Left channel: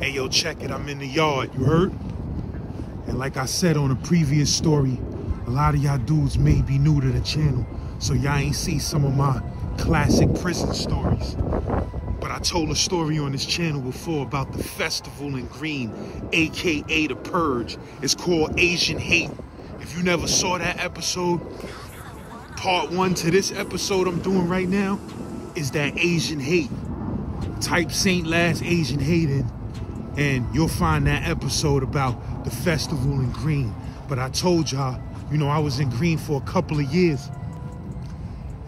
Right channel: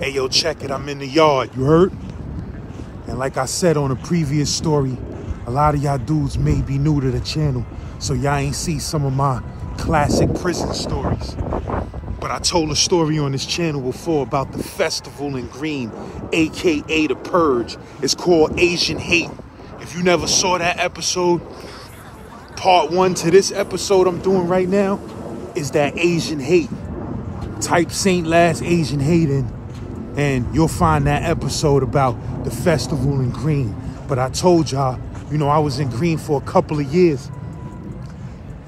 Hey, yo, check it. I'm in the yard. You heard? And like I said on a previous story, a lot of y'all dudes may be new to the channel, so y'all ain't see some of my classic prison stories. But I told a story on this channel before about the festival in Greene, aka the Purge. It's called Asian Hate. If you never saw that episode, part 1 to this episode I'm doing right now is that Asian Hate. Type St.laz Asian Hate in, and you'll find that episode about the festival in Greene. But I told y'all, you know, I was in Greene for a couple of years.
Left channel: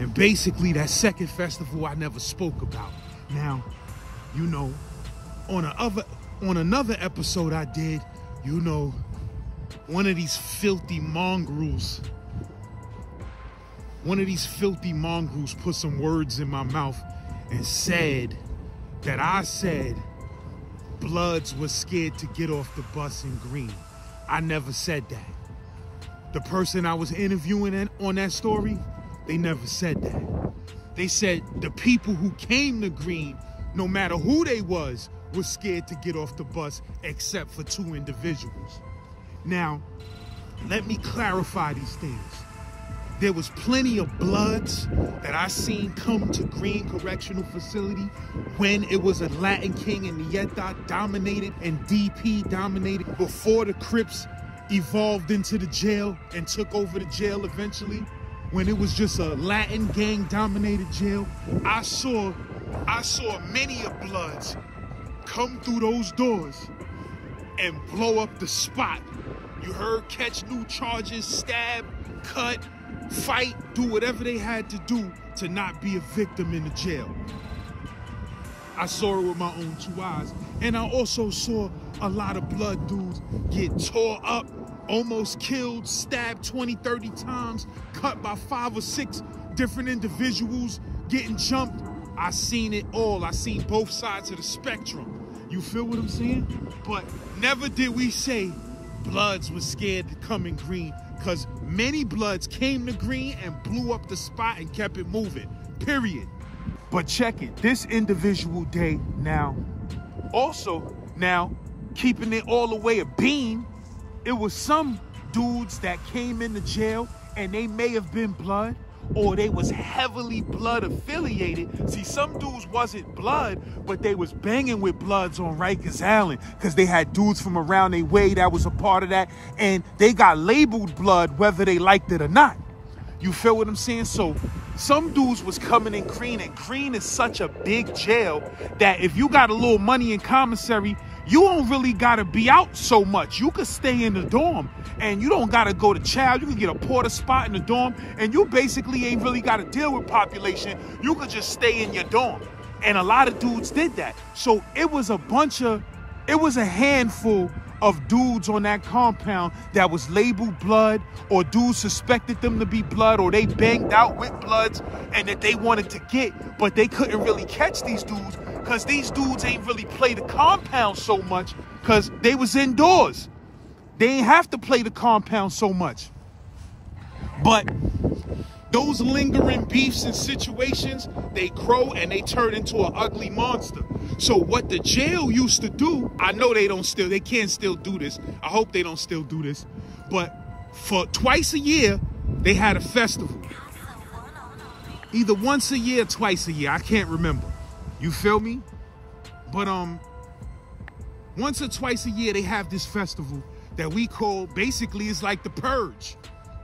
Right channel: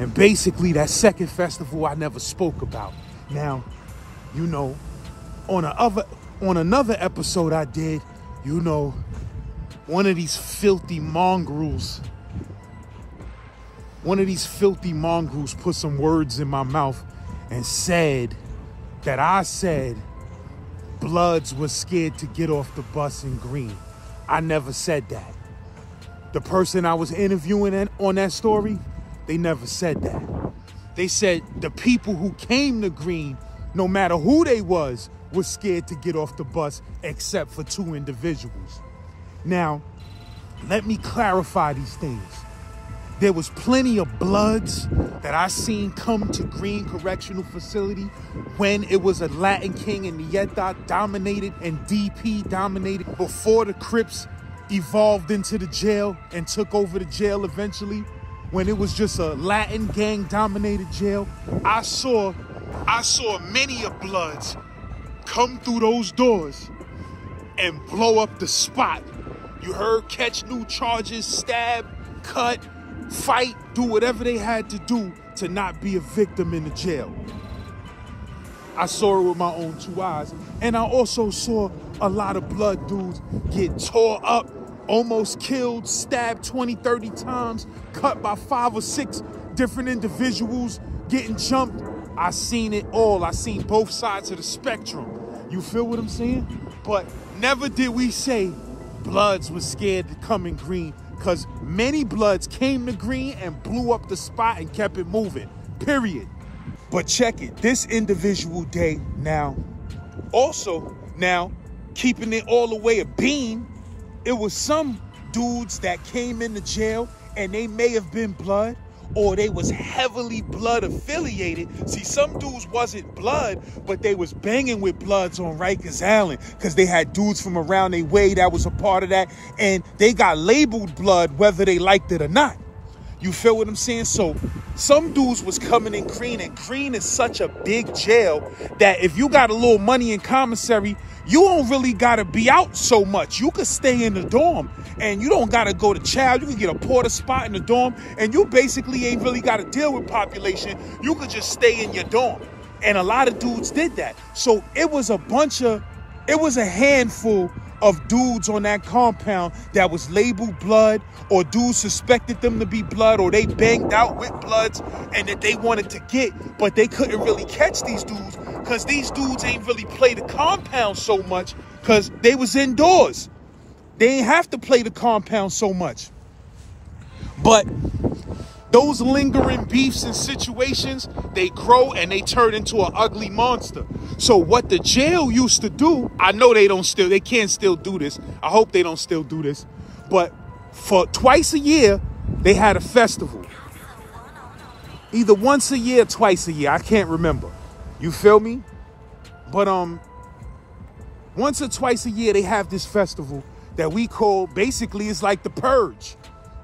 And basically that second festival I never spoke about. Now, you know, on another episode I did, you know, one of these filthy mongrels put some words in my mouth and said that I said Bloods was scared to get off the bus in Greene. I never said that. The person I was interviewing on that story, they never said that. They said the people who came to Greene, no matter who they was scared to get off the bus except for 2 individuals. Now, let me clarify these things. There was plenty of Bloods that I seen come to Greene Correctional Facility when it was a Latin King and Nieta dominated and DP dominated before the Crips evolved into the jail and took over the jail eventually. When it was just a Latin gang dominated jail, I saw many of Bloods come through those doors and blow up the spot. You heard? Catch new charges, stab, cut, fight, do whatever they had to do to not be a victim in the jail. I saw it with my own 2 eyes. And I also saw a lot of Blood dudes get tore up, almost killed, stabbed 20, 30 times, cut by 5 or 6 different individuals, getting jumped. I seen it all. I seen both sides of the spectrum. You feel what I'm saying? But never did we say Bloods was scared to come in Greene, because many Bloods came to Greene and blew up the spot and kept it moving, period. But check it, this individual day now, keeping it all the way a bean, it was some dudes that came into jail and they may have been Blood, or they was heavily Blood affiliated. See, some dudes wasn't Blood, but they was banging with Bloods on Rikers Island because they had dudes from around their way that was a part of that, and they got labeled Blood whether they liked it or not. You feel what I'm saying? So some dudes was coming in Greene, and Greene is such a big jail that if you got a little money in commissary, you don't really got to be out so much. You could stay in the dorm and you don't got to go to child. You can get a porter spot in the dorm and you basically ain't really got to deal with population. You could just stay in your dorm. And a lot of dudes did that. So it was a handful of dudes on that compound that was labeled Blood, or dudes suspected them to be Blood, or they banged out with Bloods and that they wanted to get, but they couldn't really catch these dudes because these dudes ain't really play the compound so much because they was indoors. They ain't have to play the compound so much. But those lingering beefs and situations, they grow and they turn into an ugly monster. So what the jail used to do, I know they can't still do this. I hope they don't still do this. But for twice a year, they had a festival. Either once a year or twice a year. I can't remember. You feel me? But once or twice a year, they have this festival that we call, basically, it's like the Purge.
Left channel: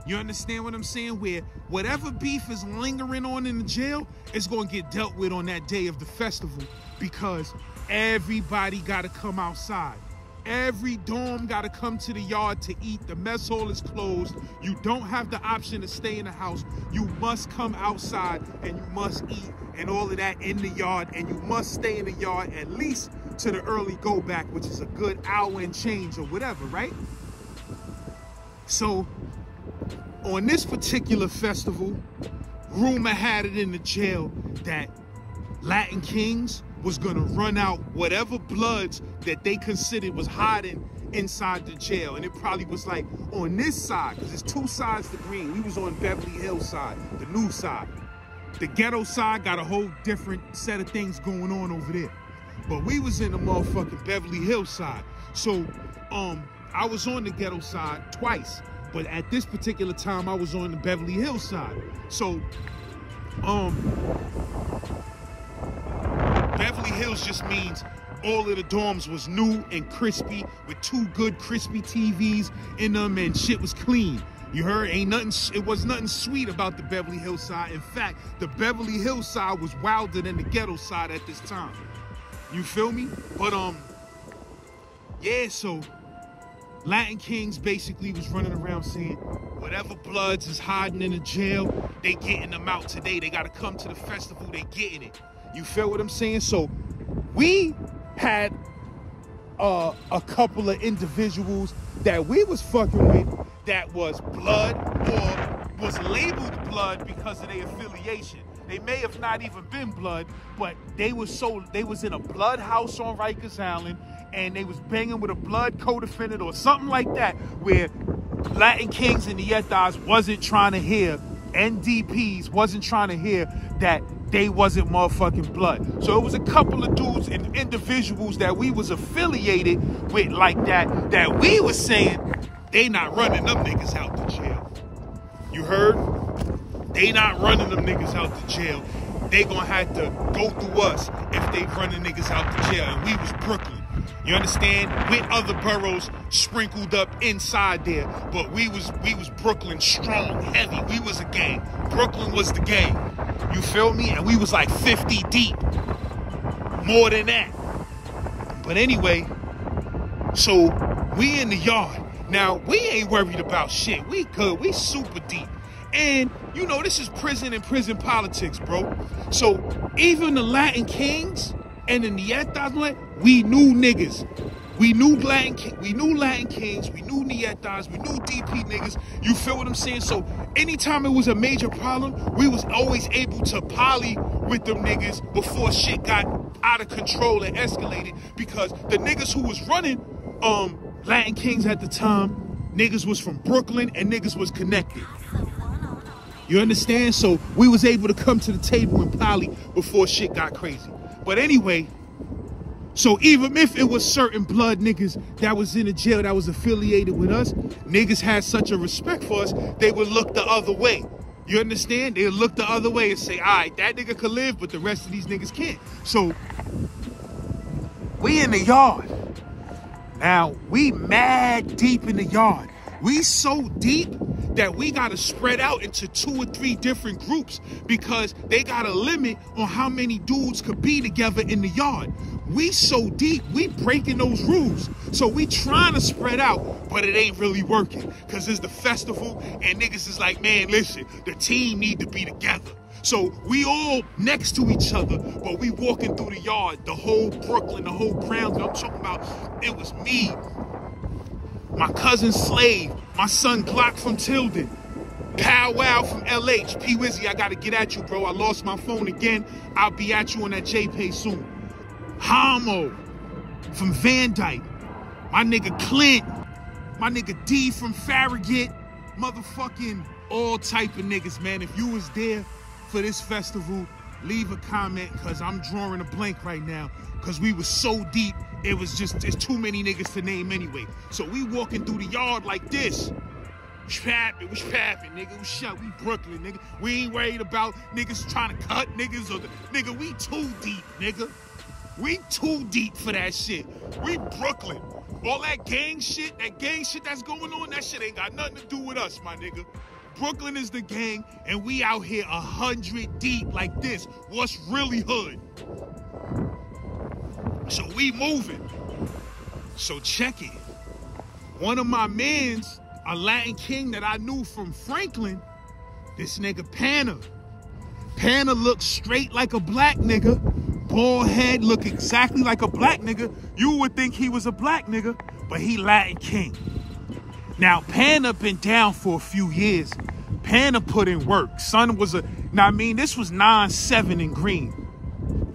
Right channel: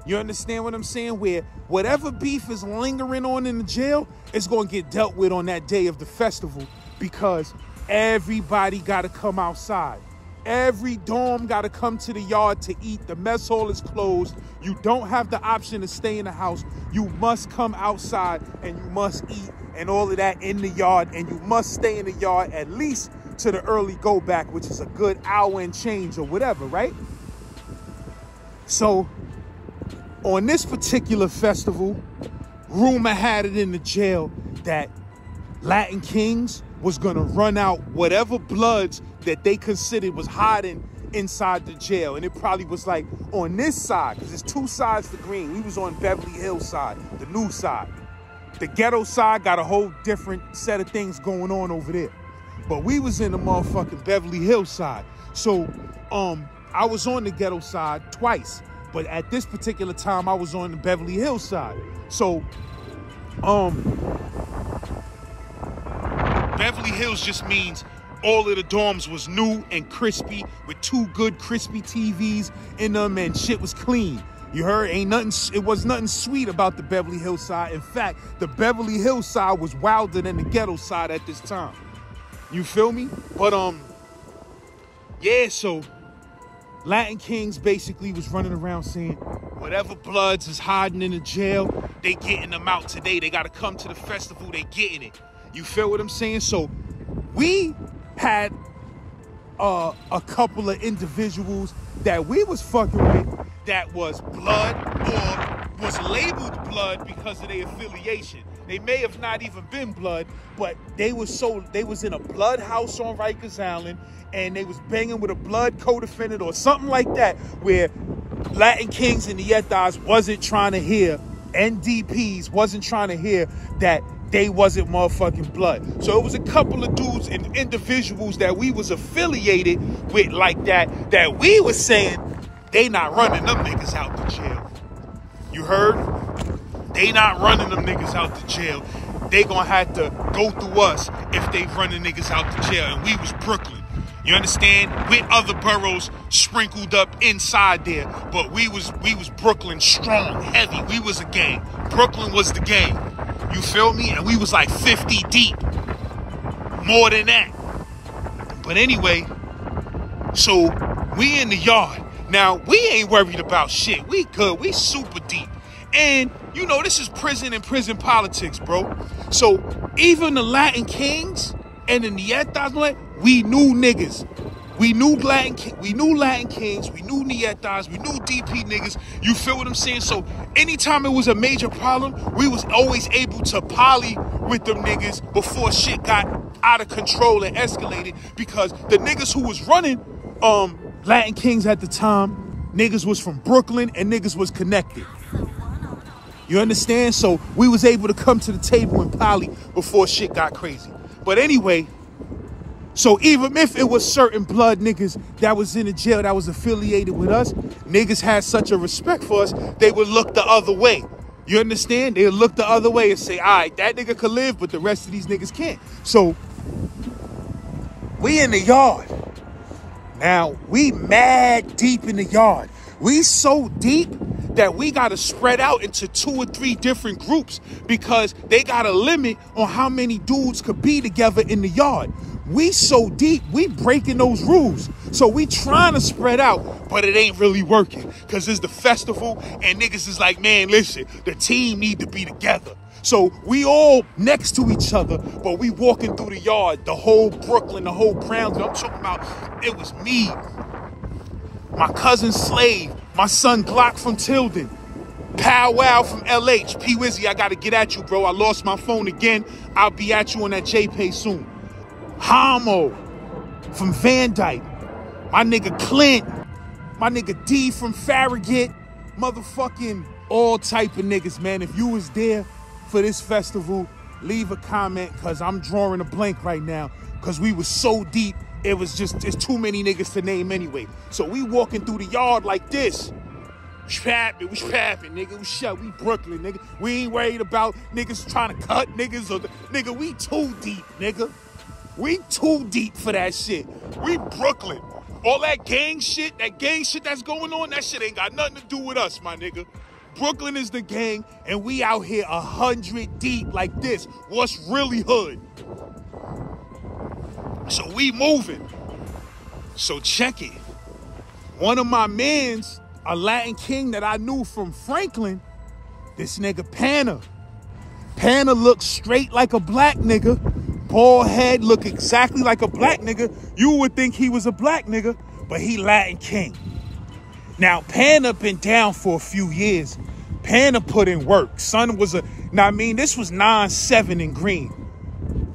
You understand what I'm saying? Where whatever beef is lingering on in the jail is going to get dealt with on that day of the festival, because everybody got to come outside. Every dorm got to come to the yard to eat. The mess hall is closed. You don't have the option to stay in the house. You must come outside and you must eat and all of that in the yard, and you must stay in the yard at least to the early go back, which is a good hour and change or whatever, right? So on this particular festival, rumor had it in the jail that Latin Kings was gonna run out whatever Bloods that they considered was hiding inside the jail. And it probably was like on this side, because there's 2 sides to Greene. We was on Beverly Hills side, the new side. The ghetto side got a whole different set of things going on over there. But we was in the motherfucking Beverly Hills side. So, I was on the ghetto side twice. But at this particular time, I was on the Beverly Hills side. So, Beverly Hills just means all of the dorms was new and crispy with 2 good crispy TVs in them and shit was clean. You heard? It was nothing sweet about the Beverly Hills side. In fact, the Beverly Hills side was wilder than the ghetto side at this time. You feel me? But, yeah, so Latin Kings basically was running around saying, whatever bloods is hiding in the jail, they getting them out today. They got to come to the festival. They getting it. You feel what I'm saying? So we had a couple of individuals that we was fucking with that was blood or was labeled blood because of their affiliation. They may have not even been blood, but they was in a blood house on Rikers Island, and they was banging with a blood co-defendant or something like that, where Latin Kings and Nietas wasn't trying to hear, NDPs wasn't trying to hear that they wasn't motherfucking blood. So it was a couple of dudes and individuals that we was affiliated with like that we was saying they not running them niggas out the jail. You heard? They not running them niggas out the jail. They gonna have to go through us if they running niggas out the jail. And we was Brooklyn. You understand? With other boroughs sprinkled up inside there, but we was Brooklyn strong, heavy. We was a gang. Brooklyn was the gang. You feel me? And we was like 50 deep. More than that. But anyway, so we in the yard. Now, we ain't worried about shit. We good. We super deep. And, you know, this is prison and prison politics, bro. So even the Latin Kings and the Nietas, we knew niggas. We knew Latin Kings, we knew Nietas, we knew DP niggas. You feel what I'm saying? So anytime it was a major problem, we was always able to poly with them niggas before shit got out of control and escalated, because the niggas who was running Latin Kings at the time, niggas was from Brooklyn and niggas was connected. You understand? So we was able to come to the table and poly before shit got crazy. But anyway, so even if it was certain blood niggas that was in the jail that was affiliated with us, niggas had such a respect for us, they would look the other way. You understand? They would look the other way and say, all right, that nigga could live, but the rest of these niggas can't. So we in the yard. Now, we mad deep in the yard. We so deep that we got to spread out into 2 or 3 different groups because they got a limit on how many dudes could be together in the yard. We so deep, we breaking those rules. So we trying to spread out, but it ain't really working because it's the festival and niggas is like, man, listen, the team need to be together. So we all next to each other, but we walking through the yard, the whole Brooklyn, the whole Brownsville. I'm talking about, it was me, my cousin Slave, my son Glock from Tilden, Pow Wow from LH, P Wizzy, I gotta get at you, bro. I lost my phone again. I'll be at you on that JPay soon. Homo from Van Dyke, my nigga Clint, my nigga D from Farragut, motherfucking all type of niggas, man. If you was there for this festival, leave a comment, cause I'm drawing a blank right now, cause we was so deep. It was just, it's too many niggas to name anyway. So we walking through the yard like this. We trapping, nigga. We shut, we Brooklyn, nigga. We ain't worried about niggas trying to cut niggas or nigga, we too deep, nigga. We too deep for that shit. We Brooklyn. All that gang shit that's going on, that shit ain't got nothing to do with us, my nigga. Brooklyn is the gang, and we out here 100 deep like this. What's really hood? So we moving. So check it. One of my mans, a Latin King that I knew from Franklin, this nigga Panna. Panna looks straight like a black nigga. Bald head, look exactly like a black nigga. You would think he was a black nigga, but he Latin King. Now, Panna been down for a few years. Panna put in work. Son was now I mean, this was 9-7 in Greene.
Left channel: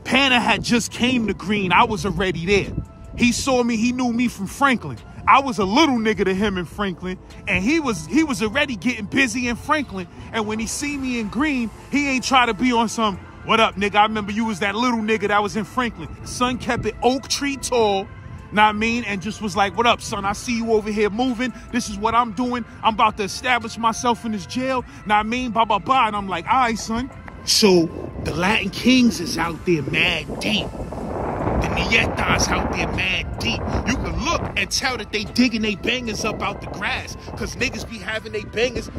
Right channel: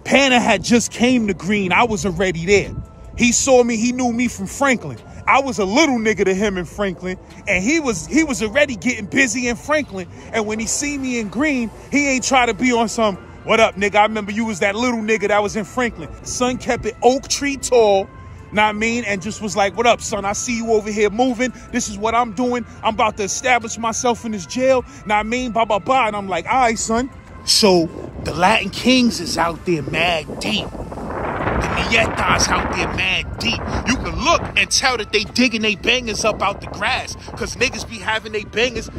Panna had just came to Greene. I was already there. He saw me, he knew me from Franklin. I was a little nigga to him in Franklin, and he was already getting busy in Franklin. And when he see me in Greene, he ain't try to be on some, What up, nigga? I remember you was that little nigga that was in Franklin. Son kept it oak tree tall, know what I mean? And just was like, what up, son? I see you over here moving. This is what I'm doing. I'm about to establish myself in this jail, know what I mean? Blah, blah, blah. And I'm like, all right, son. So the Latin Kings is out there mad deep. The Nietas out there mad deep. You can look and tell that they digging they bangers up out the grass. Cause niggas be having they bangers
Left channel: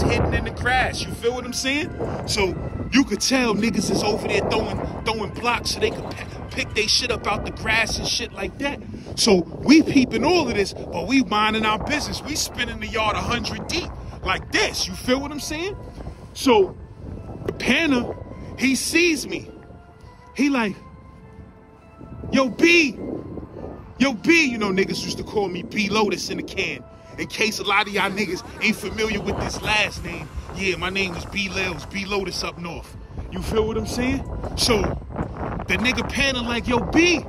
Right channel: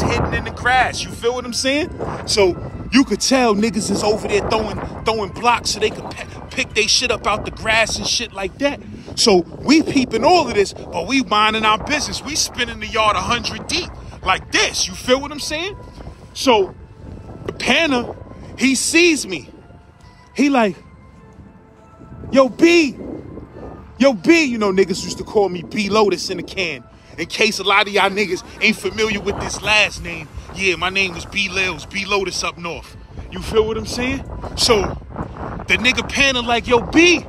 hidden in the grass. You feel what I'm saying? So you could tell niggas is over there throwing blocks so they can pick they shit up out the grass and shit like that. So we peeping all of this, but we minding our business. We spinning the yard 100 deep like this. You feel what I'm saying? So the Panner, he sees me. He like, yo, B. Yo, B. You know, niggas used to call me B Lotus in the can. In case a lot of y'all niggas ain't familiar with this last name. Yeah, my name was B Lils, B Lotus up north. You feel what I'm saying? So the nigga Panner like, yo, B.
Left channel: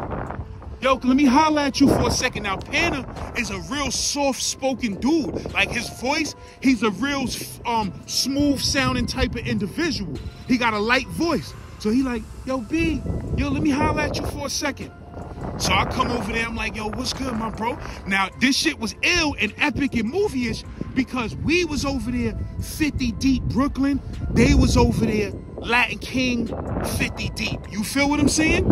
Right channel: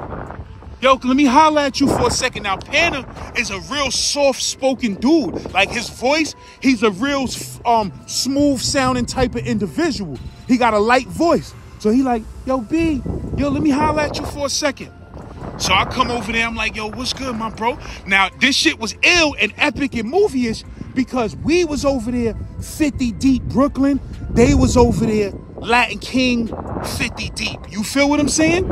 Yo, let me holler at you for a second. Now, Panner is a real soft-spoken dude. Like, his voice, he's a real smooth-sounding type of individual. He got a light voice. So he like, yo, B, yo, let me holler at you for a second. So I come over there, I'm like, yo, what's good, my bro? Now, this shit was ill and epic and movie-ish because we was over there 50 deep Brooklyn. They was over there Latin King 50 deep. You feel what I'm saying?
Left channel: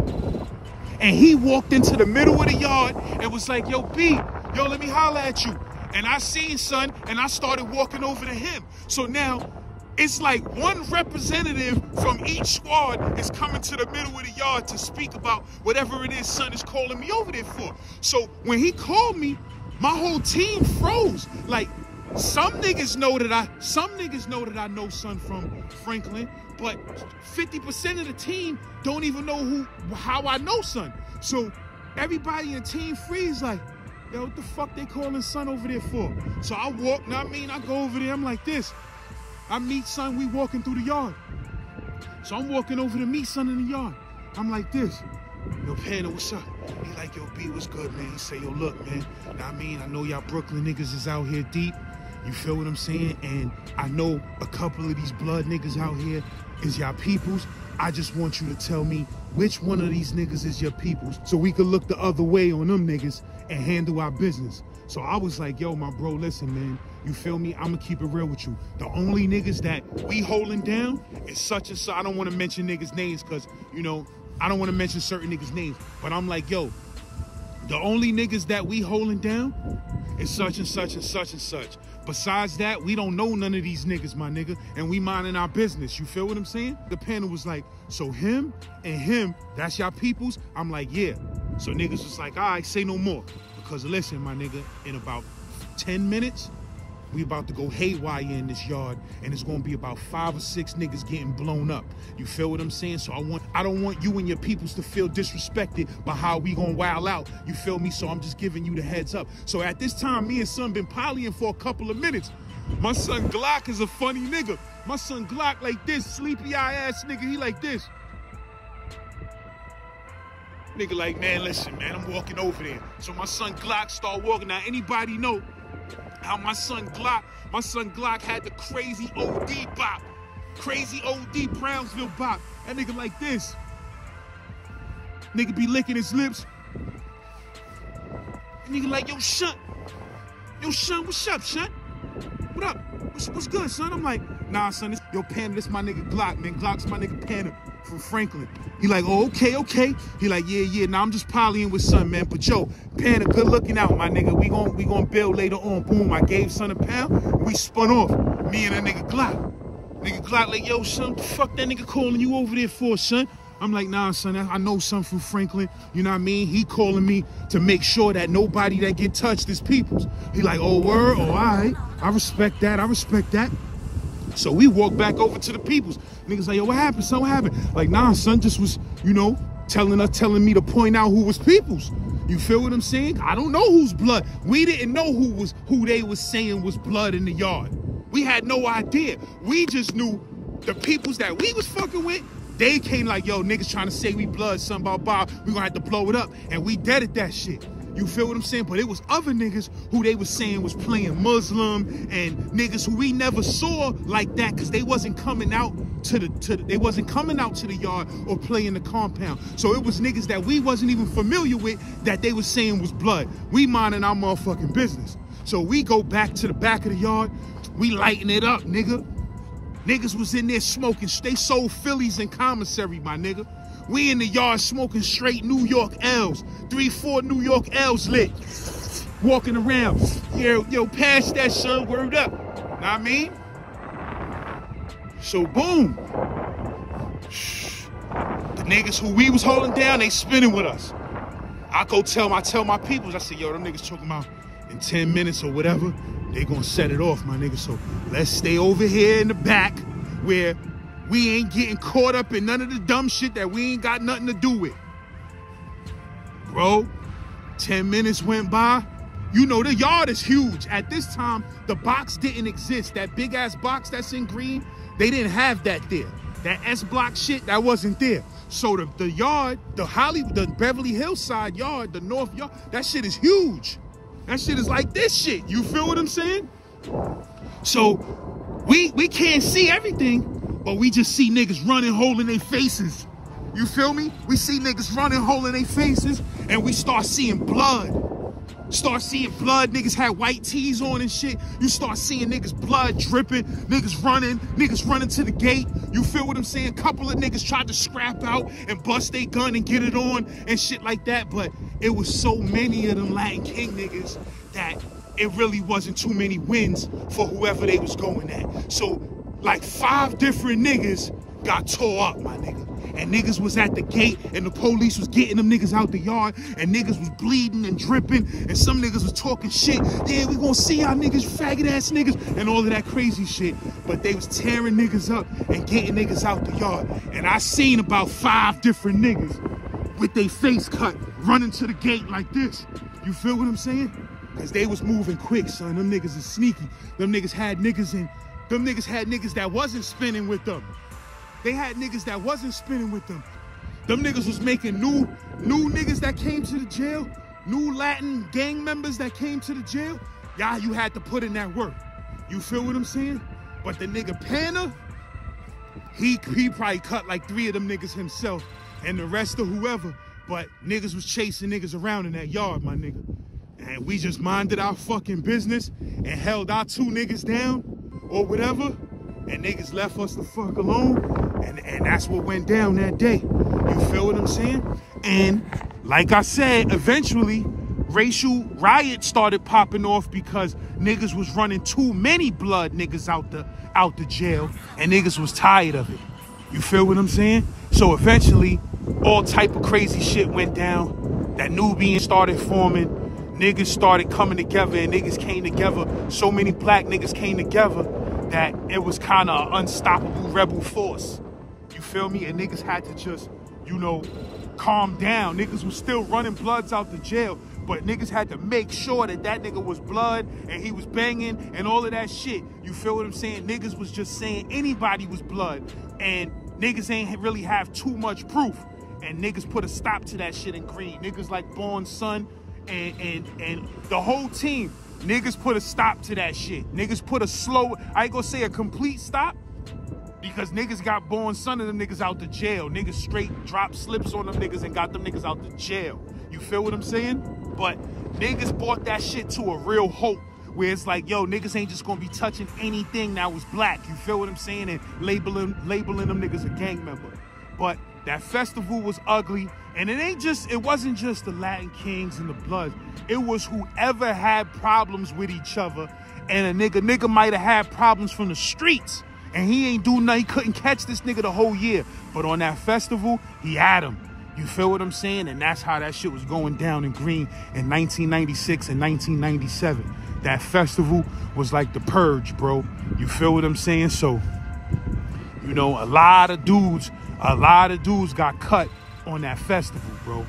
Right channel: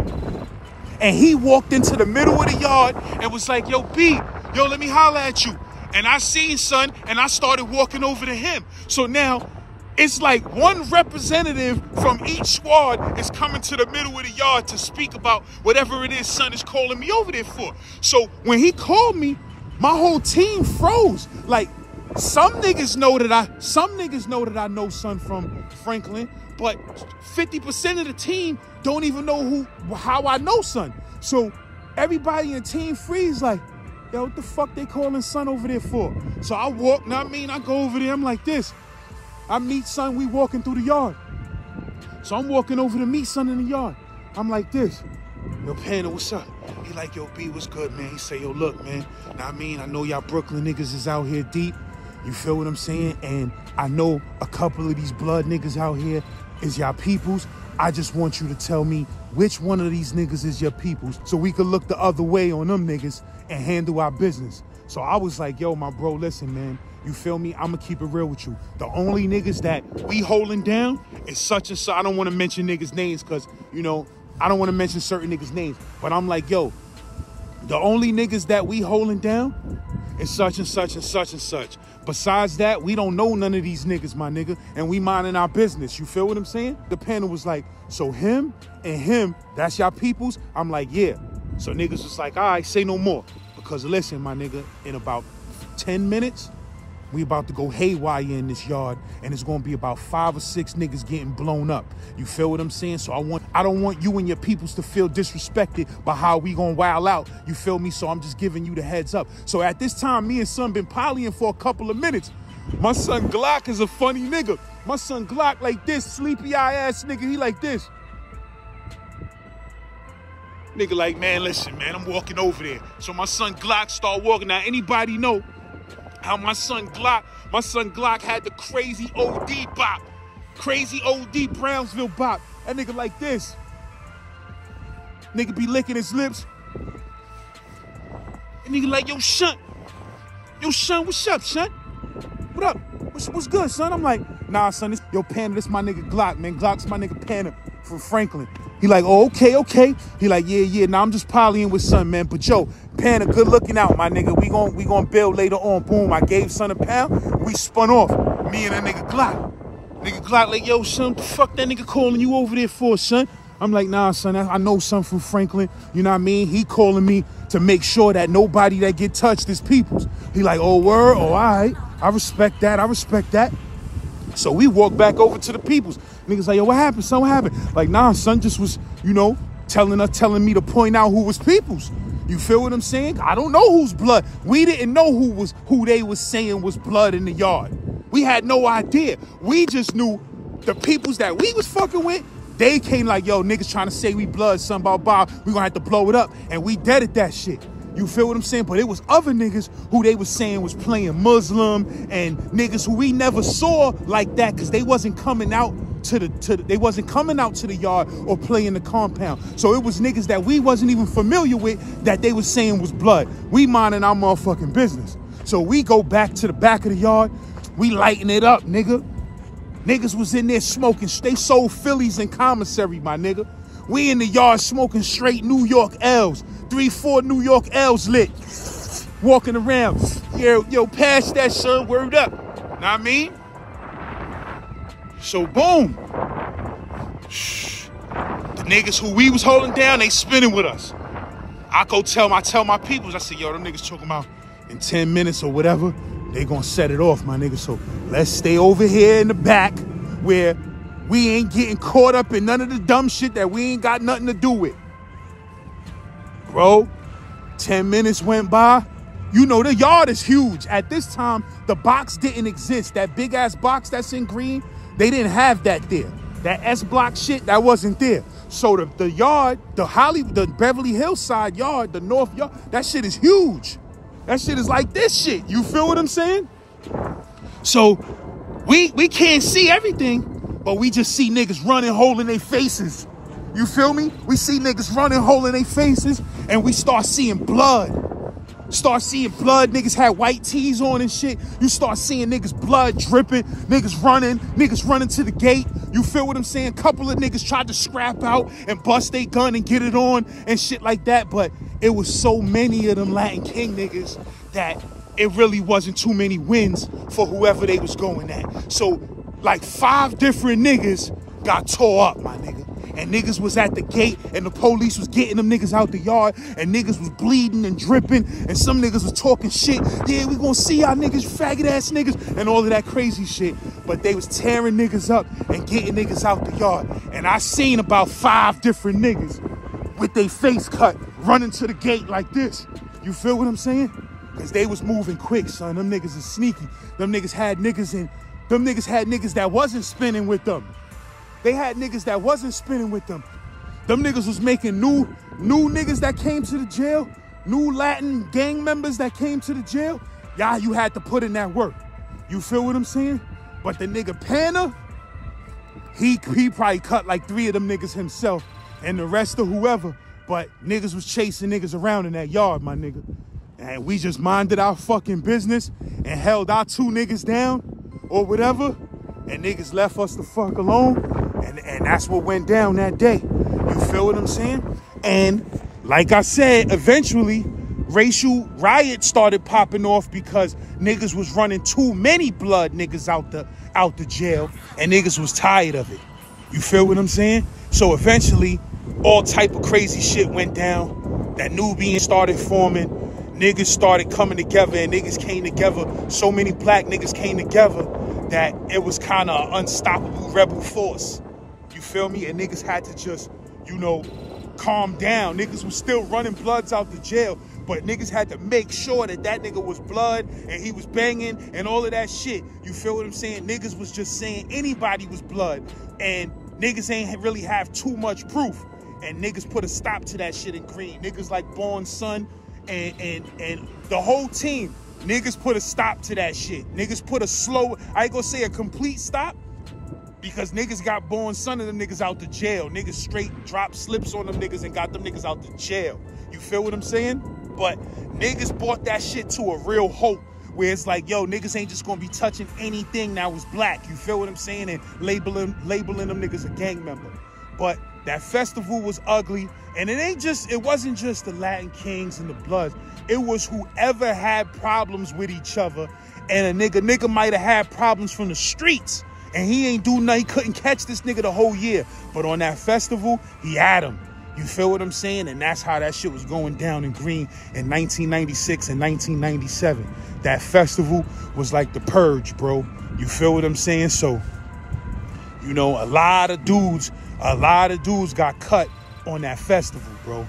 And he walked into the middle of the yard and was like, yo, B, yo, let me holler at you. And I seen, son, and I started walking over to him. So now, it's like one representative from each squad is coming to the middle of the yard to speak about whatever it is son is calling me over there for. So when he called me, my whole team froze. Like, some niggas know that I know son from Franklin, but 50% of the team don't even know how I know son. So everybody in the team freeze like, yo, what the fuck they calling son over there for? So I walk, I go over there, I'm like this. I meet son, we walking through the yard. So I'm walking over to meet son in the yard. I'm like this. Yo, Panner, what's up? He like, yo, B, what's good, man? He say, yo, look, man. I know y'all Brooklyn niggas is out here deep. You feel what I'm saying? And I know a couple of these blood niggas out here is y'all peoples. I just want you to tell me which one of these niggas is your peoples so we could look the other way on them niggas and handle our business. So I was like, yo, my bro, listen, man. You feel me? I'm going to keep it real with you. The only niggas that we holding down is such and such. I don't want to mention niggas' names because, you know, I don't want to mention certain niggas' names. But I'm like, yo, the only niggas that we holding down is such and such and such and such. Besides that, we don't know none of these niggas, my nigga, and we minding our business. You feel what I'm saying? The panel was like, so him and him, that's y'all peoples? I'm like, yeah. So niggas was like, all right, say no more. Because listen, my nigga, in about 10 minutes, we about to go haywire in this yard, and it's gonna be about 5 or 6 niggas getting blown up. You feel what I'm saying? So I don't want you and your peoples to feel disrespected by how we gonna wild out. You feel me? So I'm just giving you the heads up. So at this time, me and son been polying for a couple of minutes. My son Glock is a funny nigga. My son Glock like this, sleepy eye ass nigga, he like this. Nigga like, man, listen, man, I'm walking over there. So my son Glock start walking. Now, anybody know how my son Glock had the crazy OD bop. Crazy OD Brownsville bop. That nigga like this. Nigga be licking his lips. And nigga like, yo, son. Yo, son, what's up, son? What up? What's good, son? I'm like, nah, son, yo, Panner, this my nigga Glock, man. Glock's my nigga Panner from Franklin. He like, oh, okay. He like, yeah, nah, I'm just polying with son, man. But yo, Panner, good looking out, my nigga. We gon' build later on. Boom, I gave son a pound. We spun off. Me and that nigga Glock. Nigga Glock like, yo, son, what the fuck that nigga calling you over there for, son? I'm like, nah, son, I know son from Franklin. You know what I mean? He calling me to make sure that nobody that get touched is peoples. He like, oh, word? Oh, all right. I respect that. So we walk back over to the peoples. Niggas like, yo, what happened, son? What happened? Like, nah, son just was, you know, telling me to point out who was peoples. You feel what I'm saying? I don't know whose blood. We didn't know who they was saying was blood in the yard. We had no idea. We just knew the peoples that we was fucking with. They came like, yo, niggas trying to say we blood, son, blah, blah. We gonna have to blow it up. And we dead at that shit. You feel what I'm saying? But it was other niggas who they was saying was playing Muslim and niggas who we never saw like that because they wasn't coming out they wasn't coming out to the yard or playing the compound. So it was niggas that we wasn't even familiar with that they was saying was blood. We minding our motherfucking business. So we go back to the back of the yard. We lighting it up, nigga. Niggas was in there smoking. They sold Phillies in commissary, my nigga. We in the yard smoking straight New York L's. 3-4 New York L's lit. Walking around. Yo, pass that, son. Word up. Know what I mean? So, boom. The niggas who we was holding down, they spinning with us. I tell my peoples, I say, yo, them niggas talking about in 10 minutes or whatever, they gonna set it off, my nigga. So let's stay over here in the back where we ain't getting caught up in none of the dumb shit that we ain't got nothing to do with. Bro, 10 minutes went by. You know, the yard is huge. At this time, the box didn't exist. That big ass box that's in Greene, they didn't have that there. That S block shit, that wasn't there. So the yard, the Beverly Hills side yard, the North yard, that shit is huge. That shit is like this shit. You feel what I'm saying? So we can't see everything, but we just see niggas running, holding their faces. You feel me? We see niggas running, holding their faces, and we start seeing blood. Niggas had white tees on and shit. You start seeing niggas blood dripping, niggas running to the gate. You feel what I'm saying? Couple of niggas tried to scrap out and bust their gun and get it on and shit like that. But it was so many of them Latin King niggas that it really wasn't too many wins for whoever they was going at. So like 5 different niggas got tore up, my nigga. And niggas was at the gate and the police was getting them niggas out the yard and niggas was bleeding and dripping and some niggas was talking shit. Yeah, we gonna see y'all niggas, faggot ass niggas, and all of that crazy shit. But they was tearing niggas up and getting niggas out the yard. And I seen about 5 different niggas with their face cut running to the gate like this. You feel what I'm saying? Cause they was moving quick, son. Them niggas is sneaky. Them niggas had niggas that wasn't spinning with them. They had niggas that wasn't spinning with them. Them niggas was making new niggas that came to the jail, new Latin gang members that came to the jail. Y'all, you had to put in that work. You feel what I'm saying? But the nigga Panna, he probably cut like 3 of them niggas himself and the rest of whoever. But niggas was chasing niggas around in that yard, my nigga. And we just minded our fucking business and held our 2 niggas down or whatever. And niggas left us the fuck alone. And that's what went down that day. You feel what I'm saying? And like I said, eventually racial riots started popping off because niggas was running too many blood niggas out the jail and niggas was tired of it. You feel what I'm saying? So eventually all type of crazy shit went down. That Nubian started forming. Niggas started coming together and niggas came together. So many black niggas came together that it was kind of an unstoppable rebel force. You feel me? And niggas had to just, you know, calm down. Niggas was still running bloods out the jail, but niggas had to make sure that that nigga was blood and he was banging and all of that shit. You feel what I'm saying? Niggas was just saying anybody was blood and niggas ain't really have too much proof. And niggas put a stop to that shit in Greene. Niggas like Born Son and the whole team. Niggas put a stop to that shit. Niggas put a slow, I ain't gonna say a complete stop, because niggas got Born Son of them niggas out the jail. Niggas straight dropped slips on them niggas and got them niggas out the jail. You feel what I'm saying? But niggas brought that shit to a real hope where it's like, yo, niggas ain't just gonna be touching anything that was black. You feel what I'm saying? And labeling them niggas a gang member. But that festival was ugly. And it wasn't just the Latin Kings and the Bloods. It was whoever had problems with each other. And a nigga might have had problems from the streets. And he ain't do nothing. He couldn't catch this nigga the whole year. But on that festival, he had him. You feel what I'm saying? And that's how that shit was going down in Greene in 1996 and 1997. That festival was like the purge, bro. You feel what I'm saying? So, you know, a lot of dudes got cut on that festival, bro.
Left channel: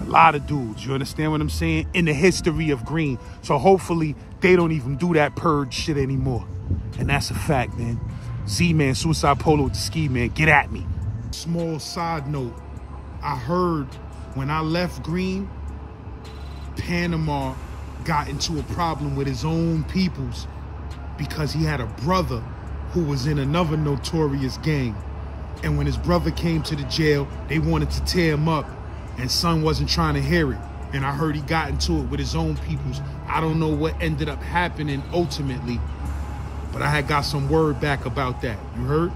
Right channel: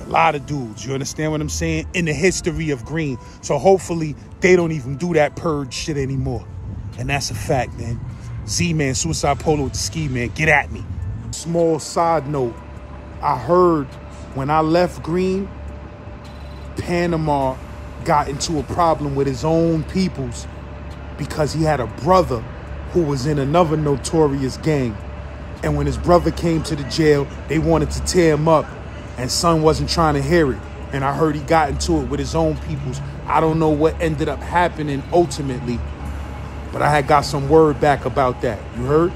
A lot of dudes, you understand what I'm saying? In the history of Greene. So hopefully they don't even do that purge shit anymore. And that's a fact, man. Z-Man, Suicide Polo with the Ski Man, get at me. Small side note, I heard when I left Greene, Panama got into a problem with his own peoples because he had a brother who was in another notorious gang. And when his brother came to the jail, they wanted to tear him up, and son wasn't trying to hear it. And I heard he got into it with his own peoples. I don't know what ended up happening ultimately, but I had got some word back about that. You heard?